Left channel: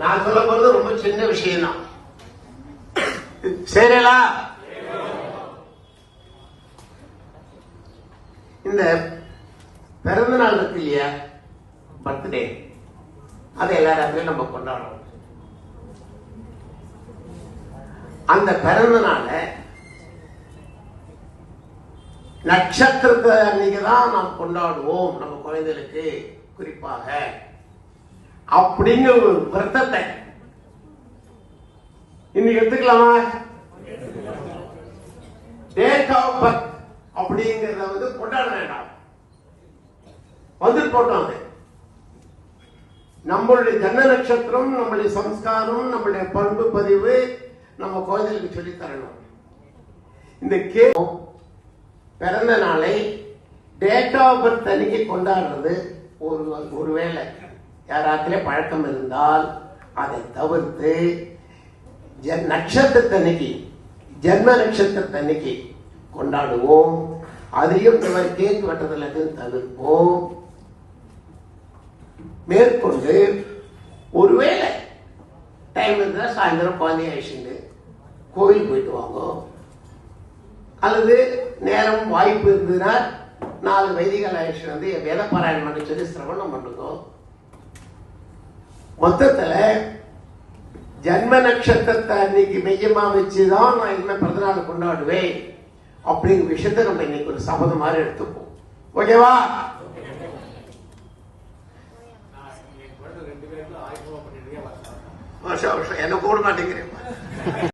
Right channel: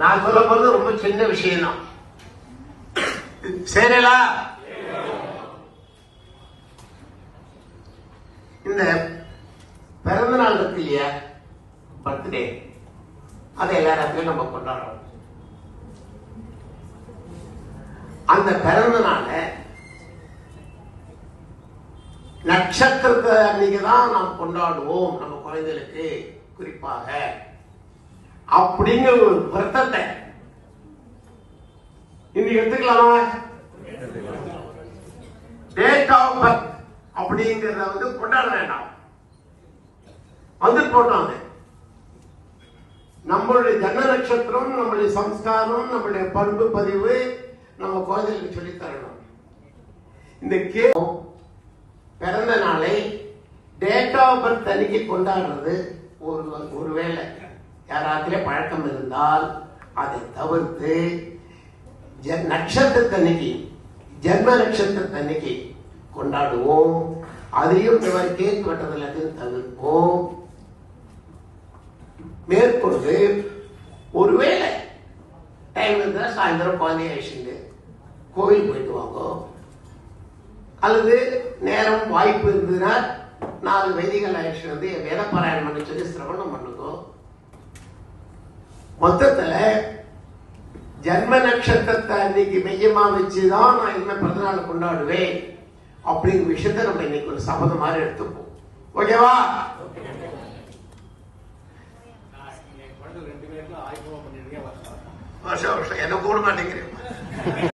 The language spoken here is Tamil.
நான் சொல்ல போறது ரொம்ப சின்ன விஷயம் தான். சரிங்களா? இந்த பிறந்த நாள் இருக்கு இல்லையா, பர்த்டே, அதை எல்லாத்தையும் நம்ம கொண்டாடுறோம். அந்த பிறந்த நாள நட்சத்திரத்தை அன்னைக்குதான் நாம் கொண்டாடுவோம் நம்ம குழந்தைகளுக்கு குறிப்பாக அப்படிங்கிற ஒரு வருத்தத்தை இன்னைக்கு எடுத்துக்கலாமா? டேட் ஆஃப் பர்த் அப்படிங்கறத கொண்டாட வேண்டாம், போட்டோம். நம்மளுடைய ஜன்ம நட்சத்திரம், நம்மளுடைய சம்ஸ்காரம், நம்மளுடைய பண்பு பதிவு நம்ம குழந்தைகளுக்கு சொல்லி தரணும். இந்த பிறந்த நாளை டேட் ஆஃப் பர்த் அன்னைக்கு கொண்டாடுறது ஒருவேளை யாராத்திலே பழக்கம் இருந்தால் அதை தவிர்த்து நட்சத்திரத்தன்னைக்கு, ஜன்ம நட்சத்திரத்தன்னைக்கு கொண்டாடுவோம். அதையும் இந்த மாதிரி கேக் வெட்டதுல தவிர்ப்போம். மேற்கொண்டு ஒருவேளை டைம் இருந்தா சாயந்தரம் குழந்தைய அழைச்சிட்டு கோவில் போயிட்டு வாங்க, அல்லது நேரம் வாய்ப்பு இருந்ததுன்னா 4 வைதிகள் அழைச்சிட்டு வந்து வேத பாராயணம் பண்ணி சொல்லி சிரவணம் பண்ணுதோ. மொத்தத்துல ஜன்ம நட்சத்திரத்தை அன்னைக்கு மையமா வச்சுதான் நான் இனிமே பிறந்தநாள் கொண்டாடுவேன் அப்படிங்கிற விஷயத்த நம்ம இன்னைக்கு ஒரு சபதம் மாதிரி எடுத்துப்போம். ஓகேவா? என்ன போட மாட்டேங்கிறேன்.